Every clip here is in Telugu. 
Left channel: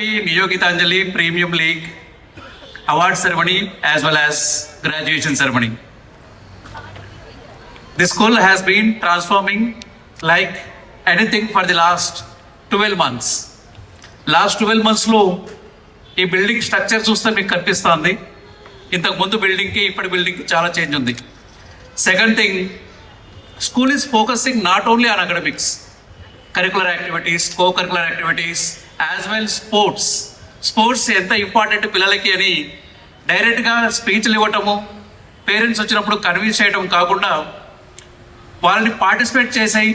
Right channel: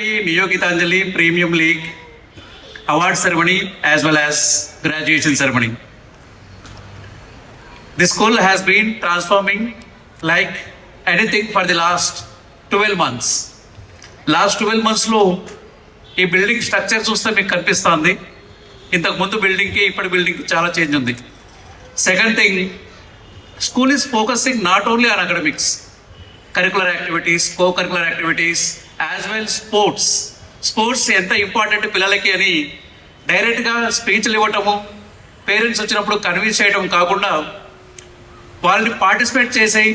happy Neo Gitanjali Premium League award ceremony as well as graduation ceremony. The school has been transforming like anything for the last 12 months. Last 12 months లో ఈ బిల్డింగ్ స్ట్రక్చర్ చూస్తే మీకు కనిపిస్తుంది. ఇంతకు ముందు బిల్డింగ్కి ఇప్పటి బిల్డింగ్కి చాలా చేంజ్ ఉంది. Second thing, school is focusing not only on academics, curricular activities, co curricular activities as well sports. Sports ఎంత ఇంపార్టెంట్ పిల్లలకి అని డైరెక్ట్గా స్పీచ్లు ఇవ్వటము, పేరెంట్స్ వచ్చినప్పుడు కన్విన్స్ చేయడం కాకుండా వాళ్ళని పార్టిసిపేట్ చేసి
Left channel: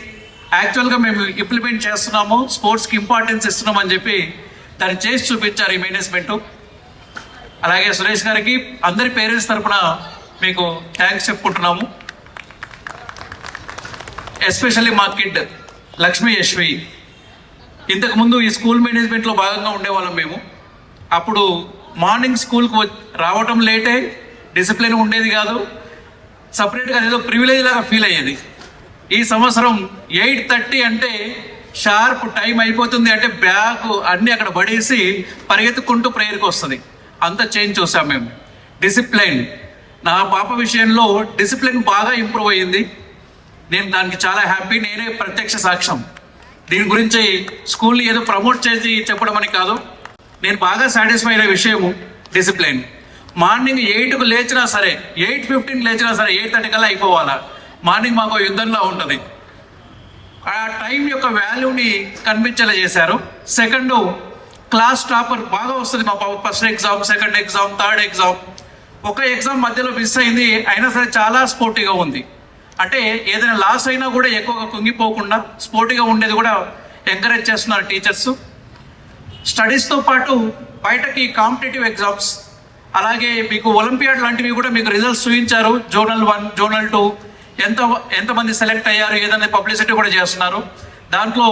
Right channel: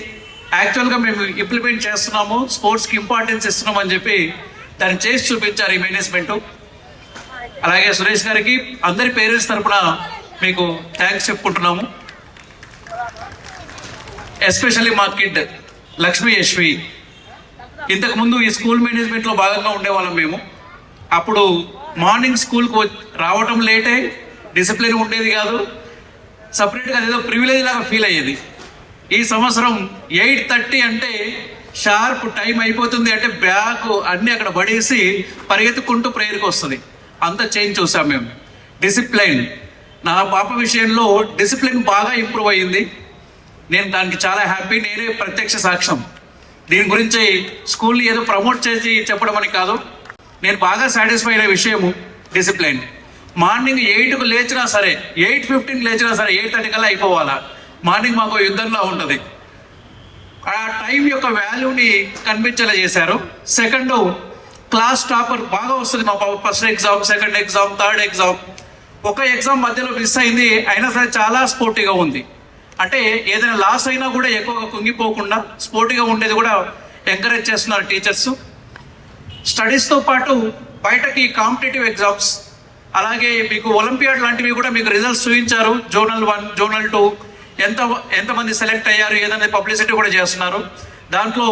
యాక్చువల్గా మేము ఇంప్లిమెంట్ చేస్తున్నాము, స్పోర్ట్స్కి ఇంపార్టెన్స్ ఇస్తున్నాం అని చెప్పి దాన్ని చేసి చూపించారు ఈ మేనేజ్మెంట్. అలాగే సురేష్ గారికి అందరి పేరెంట్స్ తరఫున మీకు థ్యాంక్స్ చెప్పుకుంటున్నాము. ఎస్పెషల్లీ మా కిడ్ లక్ష్మీ యశ్వి, ఇంతకుముందు ఈ స్కూల్ మేనేజ్మెంట్లో భాగంగా ఉండేవాళ్ళం మేము. అప్పుడు మార్నింగ్ స్కూల్కి రావటం లేటే, డిసిప్లిన్ ఉండేది కాదు, సపరేట్గా ఏదో ప్రివిలేజ్ లాగా ఫీల్ అయ్యేది. ఈ సంవత్సరం 8:30 అంటే షార్ప్ టైం అయిపోతుంది అంటే బ్యాగ్ అన్నీ అక్కడ పడేసి పరిగెత్తుకుంటూ ప్రేయర్కి వస్తుంది. అంత చేంజ్ చూసాం మేము. డిసిప్లిన్, నా పాప విషయంలో డిసిప్లిన్ బాగా ఇంప్రూవ్ అయ్యింది. నేను దానికి చాలా హ్యాపీ. నేనే ప్రత్యక్ష సాక్ష్యం. దీని గురించి స్కూల్ని ఏదో ప్రమోట్ చేసి చెప్పడం అని కాదు, నేను బాగా సాటిస్ఫై అయిన విషయము డిసిప్లిన్. మార్నింగ్ 8కు లేచినా సరే, 8:15 లేచినా సరే 8:30 కల్లా అయిపోవాలా. మార్నింగ్ మాకు యుద్ధంలో ఉంటుంది. ఆ టైం యొక్క వాల్యూని కనిపించేలా చేశారు. సెకండ్, క్లాస్ టాపర్ బాగా వస్తుంది మా పాప. First exam, second exam, third exam. ఒక ఎగ్జామ్ మధ్యలో మిస్ అయింది, అయినా సరే చాలా స్పోర్టివ్గా ఉంది. అంటే ఏదైనా లాస్ అయినా కూడా ఎక్కువగా కుంగిపోకుండా స్పోర్టివ్గా ఉండేది కూడా ఎంకరేజ్ చేస్తున్నారు టీచర్స్. స్టడీస్తో పాటు బయటకి కాంపిటేటివ్ ఎగ్జామ్స్, అలాగే మీకు ఒలింపియాడ్ లాంటివి కూడా మీకు రిజల్ట్స్ చూపించారు. జోనల్ 1, జోనల్ 2 ఎంతమంది సెలెక్ట్ అయ్యారు ఏదనేది పబ్లిసిటీ కూడా చేస్తున్నారు. దాంట్లో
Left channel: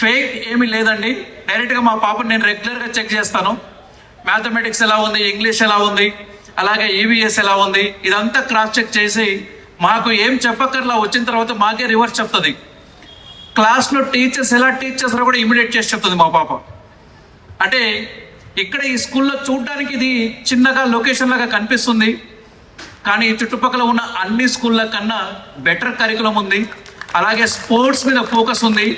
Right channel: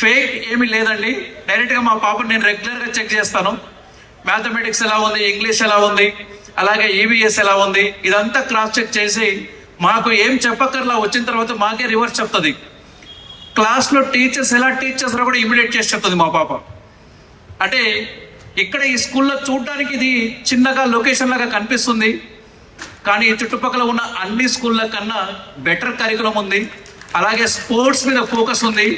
ఫేక్ ఏమీ లేదండి. డైరెక్ట్గా మా పాపను నేను రెగ్యులర్గా చెక్ చేస్తాను. మ్యాథమెటిక్స్ ఎలా ఉంది, ఇంగ్లీష్ ఎలా ఉంది, అలాగే ఈవీఎస్ ఎలా ఉంది, ఇదంతా క్రాస్ చెక్ చేసి మాకు ఏం చెప్పక్కర్లా వచ్చిన తర్వాత మాకే రివర్స్ చెప్తుంది. క్లాస్లో టీచర్స్ ఎలా టీచ్ చేస్తారో కూడా ఇమిడియేట్ చేసి చెప్తుంది మా పాప. అంటే ఇక్కడ ఈ స్కూల్లో చూడడానికి ఇది చిన్నగా లొకేషన్ లాగా కనిపిస్తుంది, కానీ చుట్టుపక్కల ఉన్న అన్ని స్కూళ్ళ కన్నా బెటర్ కరికులం ఉంది. అలాగే స్పోర్ట్స్ మీద ఫోకస్ ఉంది,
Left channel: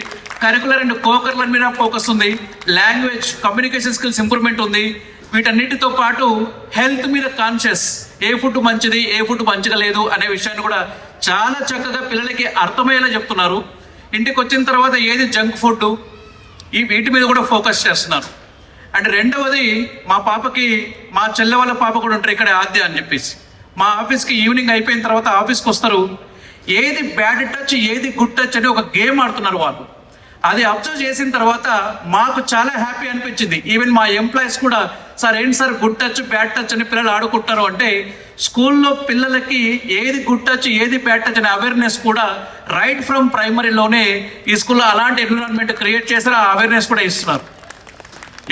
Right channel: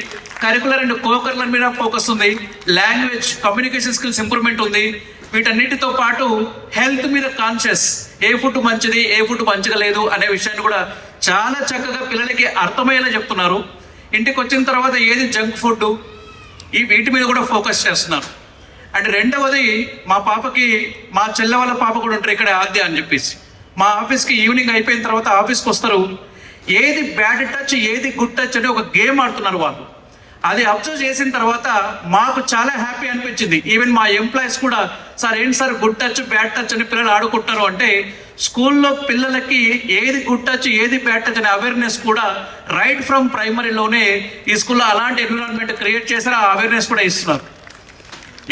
కరికులర్ అండ్ కోకరికులర్ మీద ఫోకస్ ఉంది, లాంగ్వేజ్ కమ్యూనికేషన్ స్కిల్స్ ఇంప్రూవ్మెంట్ ఉంది. వీటన్నిటితో పాటు హెల్త్ మీద కాన్షియస్, ఏ ఫుడ్ మంచిది, ఏ ఫుడ్ మంచిగా లేదు అనే విషయాన్ని కూడా చాలా చక్కగా పిల్లలకి అర్థమయ్యేలా చెప్తున్నారు. ఇంటికి వచ్చిన తర్వాత ఏది జంక్ ఫుడ్, వీటి మీద కూడా ఫోకస్ చేస్తున్నారు. అండ్ రెండవది, మా పాపకి మా చెల్లె వాళ్ళ పాప కూడా ఉంటారు ఇక్కడ ఆద్య అని చెప్పేసి. మా ఆఫీస్కి ఈవినింగ్ అయిపోయిన తర్వాత ఆఫీస్కి వస్తారు, ఏది బ్యాడ్ టచ్, ఏది గుడ్ టచ్ అని ఒక గేమ్ ఆడుతున్నారు వాళ్ళు. అది అబ్జర్వ్ చేసిన తర్వాత మాకు చాలా హ్యాపీ అనిపించింది. ఈవెన్ మా ఎంప్లాయీస్ కూడా, సార్ ఏంటి sir good touch bad touch అని పిల్లలు ఆడుకుంటారు అంటే, స్కూల్లో పిల్లలకి ఏది గుడ్ టచ్ ఏది బ్యాడ్ టచ్ అనే అవేర్నెస్ కూడా రైట్ ఫ్రమ్ ప్రైమరీలోనే ఈ స్కూల్లో అలాంటి ఎన్విరాన్మెంట్ క్రియేట్ చేశారు. ఆ అవేర్నెస్ కూడా ఇస్తున్నారు.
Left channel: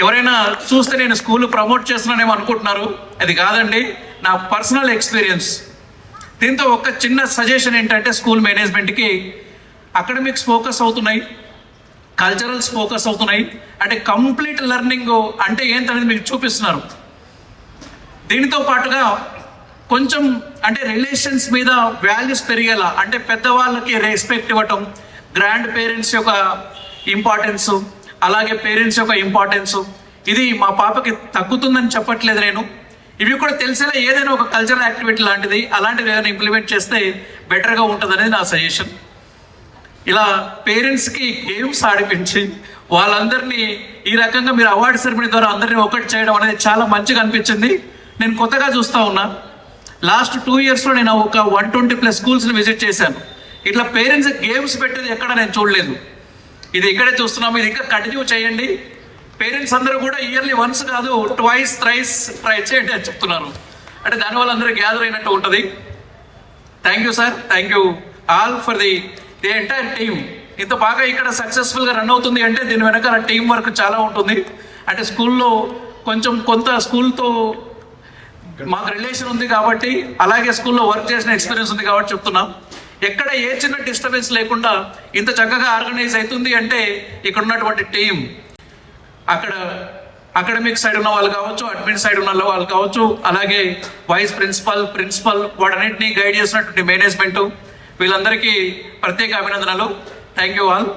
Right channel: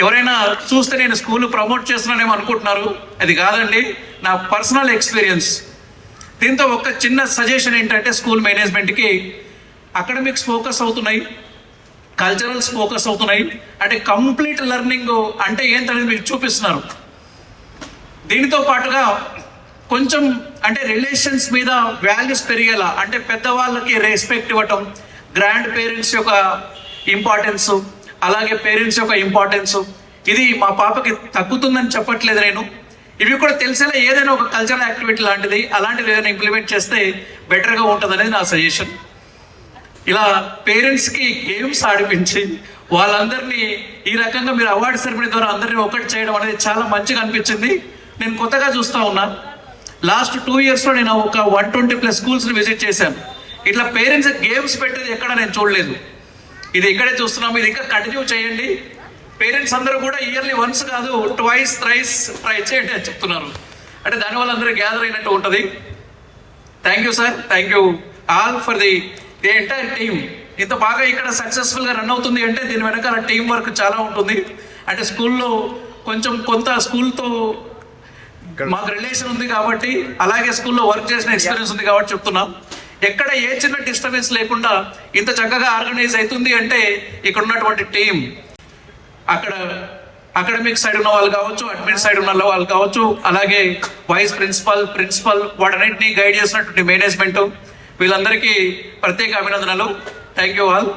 ఎవరైనా చూస్తే నేను స్కూల్ ప్రమోట్ చేస్తున్నానేమో అనుకుంటున్నారు, అది కాదండి, నా పర్సనల్ ఎక్స్పీరియన్స్. దీంతో ఒక చిన్న సజెషన్ ఏంటంటే, స్కూల్ మేనేజ్మెంట్కి అకాడమిక్స్ ఫోకస్ అవుతున్నాయి, కల్చరల్స్ ఫోకస్ అవుతున్నాయి, అంటే కంప్లీట్ లెర్నింగ్ అంటే ఏంటనేది మీకు చూపిస్తున్నారు. దీనితో పాటుగా కొంచెం అంటే రిలేషన్స్ మీద వాల్యూస్ పెరిగేలా, అంటే పెద్దవాళ్ళకి రెస్పెక్ట్ ఇవ్వటం, గ్రాండ్ పేరెంట్స్ యొక్క ఇంపార్టెన్స్, అలాగే పేరెంట్స్ యొక్క ఇంపార్టెన్స్, ఇది మా పాపకి తగ్గుతుందని చెప్పట్లేదు నేను. ఇవి కూడా తెలిసేలా ఏదైనా ఒక కల్చరల్ యాక్టివిటీ లాంటిది అలాంటివి ఏదైనా ఇంప్లిమెంట్ చేస్తే బెటర్గా ఉంటుంది అనేది నా సజెషన్. ఇలా పేరెంట్స్కి గేమ్స్ ఆడిపించి వాళ్ళందరినీ ఈ రకంగా మీరు అవార్డు సెరమనీ ద్వారా అందరినీ ఒకటి చేయడం అనేది చాలా మంచిగా అనిపించింది. నేను కొత్తగా చూస్తూ ఉన్నాను. లాస్ట్ 2 ఇయర్స్లో నేను ఒక 120+ స్కూల్స్ని విజిట్ చేశాను. ఇట్లా పేరెంట్స్ గేమ్స్ పెట్టేది ఎక్కడ నేను చూడలేదు. ఇది ఇక్కడే చూస్తున్నాము. ఇది ఇంకా కంటిన్యూ చేయండి. పేరెంట్స్ అందరూ కూడా ఇయర్లీ వన్స్ కాదు, ట్వైస్ థ్రైస్ ట్రై చేయండి అని చెప్తున్నారు. అంటే దానివల్ల అందరూ గ్యాదర్ అయినట్టు ఉంటుంది. Thank you sir, thank you all for the entire team. ఇంత బాగా ఇక్కడ సక్సెస్ఫుల్గా రన్ అవుతుంది అంటే దీని వెనకాల టీం వర్క్ చాలా ఉంటుంది. అంటే స్కూల్లో కొంత స్కూల్తో మాకు రిలేషన్ ఉంది కాబట్టి, అలాగే స్కూల్లో వర్క్ చేసిన ఎక్స్పీరియన్స్ ఉంది కాబట్టి చెప్తున్నాం. ఎక్కడ ఏ చిన్న డిస్టర్బెన్స్ లేకుండా ఇంత చక్కగా ఆర్గనైజ్ అవుతుంది అంటే ఇక్కడ ఉన్నటువంటి టీం. అక్కడ అకాడమిక్ సైడ్ ఉన్న వాళ్ళు కావచ్చు, అడ్మిన్ సైడ్ ఉన్న వాళ్ళు కావచ్చు, అలాగే వైస్ ప్రిన్సిపల్ వాటన్నింటినీ గైడ్ చేసినటువంటి మేనేజ్మెంట్, వీళ్ళందరికీ ప్రత్యేక అభినందనలు. Thank you all.